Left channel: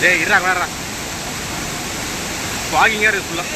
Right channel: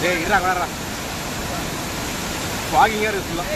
டேய் இருடா வரடா. வாகிங்க இருக்கு ஃபுல்லா.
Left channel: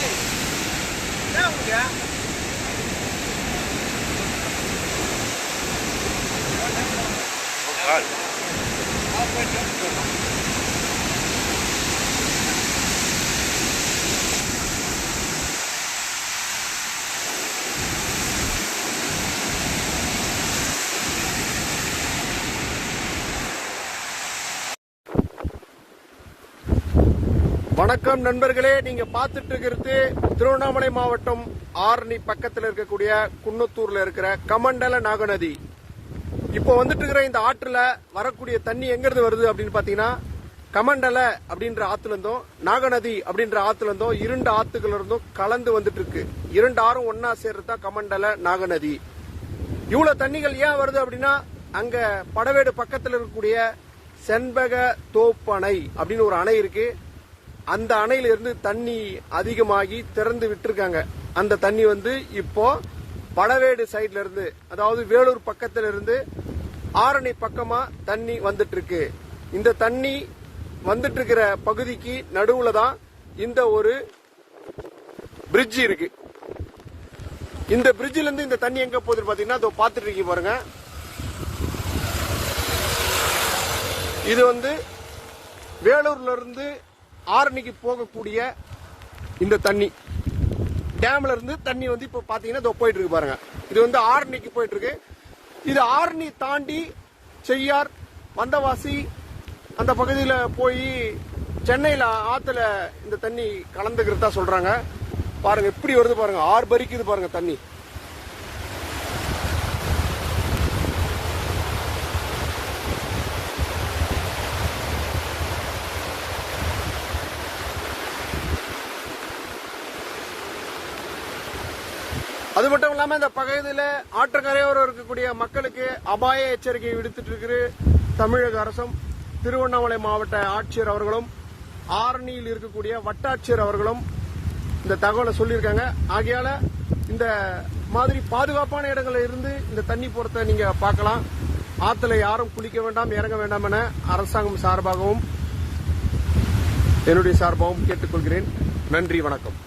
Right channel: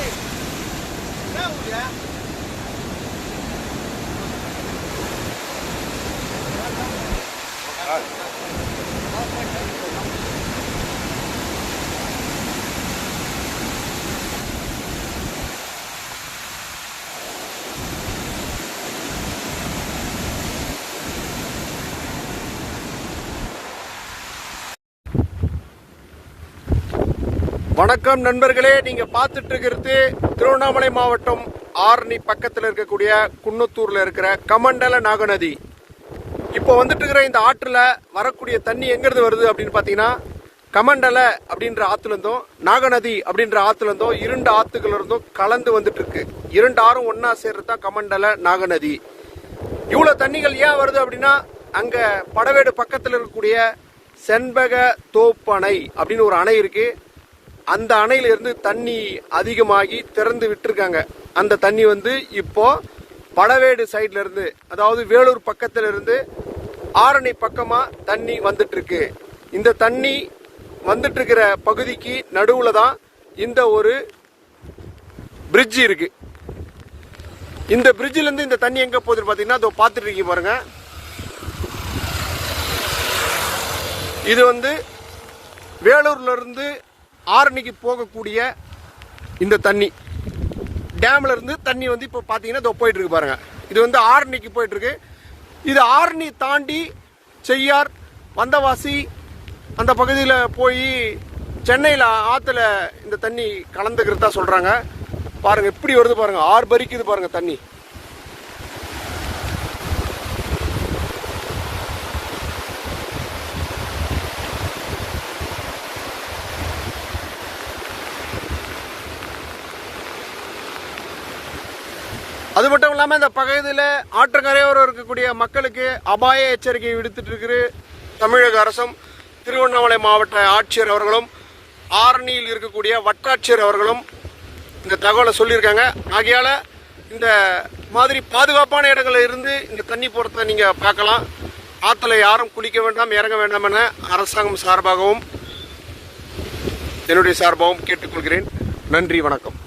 வணக்கம் நண்பர்களே, நீங்க பார்த்துட்டு இருக்கிறது திருவண்ணாமலை மாவட்டம் ஆரணி பக்கத்தில் இருக்கக்கூடிய குன்னத்தூர்ல இருக்கிற கமண்டல நாகநதி. இப்போ வந்துட்டு இருக்கிற இந்த ஆற்றுல வரக்கூடிய தண்ணி எங்கிருந்து வருது அப்படின்னு பாத்தீங்கன்னா, கமண்டல அப்படின்ற ஆத்துல இருந்தும் நாகநதி அப்படின்ற ஆத்துல இருந்தும் இரண்டு ஆத்துக்கள் இருந்தும் கலந்து வந்துட்டு இருக்கு. இரண்டு ஆறும் ஒன்னா சேர்றதுதான் கமண்டல நாகநதி. இவ்வளவு தண்ணிகள் ஏன் வருது அப்படின்னா, அங்க படவேடு பக்கத்தில் இருக்கக்கூடிய செண்பக தோப்பணை அப்படின்னு ஒரு அணை இருக்கு. அந்த அணையில இருந்து தண்ணி அதிகமாகி திறந்து விட்டுருக்காங்க. அந்த தண்ணி வந்து இப்போ படவேடு சைட்ல இருந்து, அதாவது வேலூர் பக்கத்துல இருந்து ஆரணி பக்கமா தண்ணி வந்துட்டு இருக்கு. இந்த தண்ணி வந்துட்டு இருக்கிற பகுதிக்கு நடுவுல தான் இந்த ஒரு பிரிட்ஜ் இருக்கு. இந்த பிரிட்ஜ்ல இருந்து இந்த தண்ணி எங்க போகுதுன்னு பாத்தீங்கன்னா, அதோ பாத்துட்டு இருக்கீங்க பாருங்க. இது வந்து வேலூர்ல இருந்து ஆரணிக்கு போகக்கூடிய இந்த தண்ணி, டேம்ல இருந்து தண்ணி வந்து இப்போ பாத்தீங்கன்னா இதோ போயிட்டு இருக்கு பாருங்க. இது வந்து ஆரணிக்கு போயிட்டு இருக்கு. இது ஆரணி தாண்டி செய்யார், வந்தவாசி அந்த பகுதியில் போய் சென்னையில் ஆத்துல இந்த தண்ணி கலந்துக்கிறதா சொல்றாங்க. பாருங்க எப்படி வருது பாருங்க, ஆர்ப்பரிக்குது பாருங்க தண்ணி. அது மட்டும் இல்லாம இந்த பகுதியில் ஆற்றுக்கரையோரம் இருக்கக்கூடிய மக்களுக்கு அபாய எச்சரிக்கை விடுத்துட்டு இருக்கிற தமிழக அரசும், திருவண்ணாமலை மாவட்ட ஆட்சியர் அவர்களும், ஆரணியில் இருக்கக்கூடிய வட்டாட்சியர் அவர்களும் இந்த தகவலை சொல்லியிருக்காங்க. ஆகையால இந்த மாதிரி பாதுகாப்பான இடங்களில் இருந்து இந்த தண்ணி போறதை நீங்க பார்க்கலாம். ஆற்றுல யாரும் குளிக்க வேண்டாம், இறங்க வேண்டாம் என அரசாங்கம் சார்பாகவும் என்னுடைய சார்பாகவும் கேட்டுக்கொள்கிறேன். நன்றி, வணக்கம்.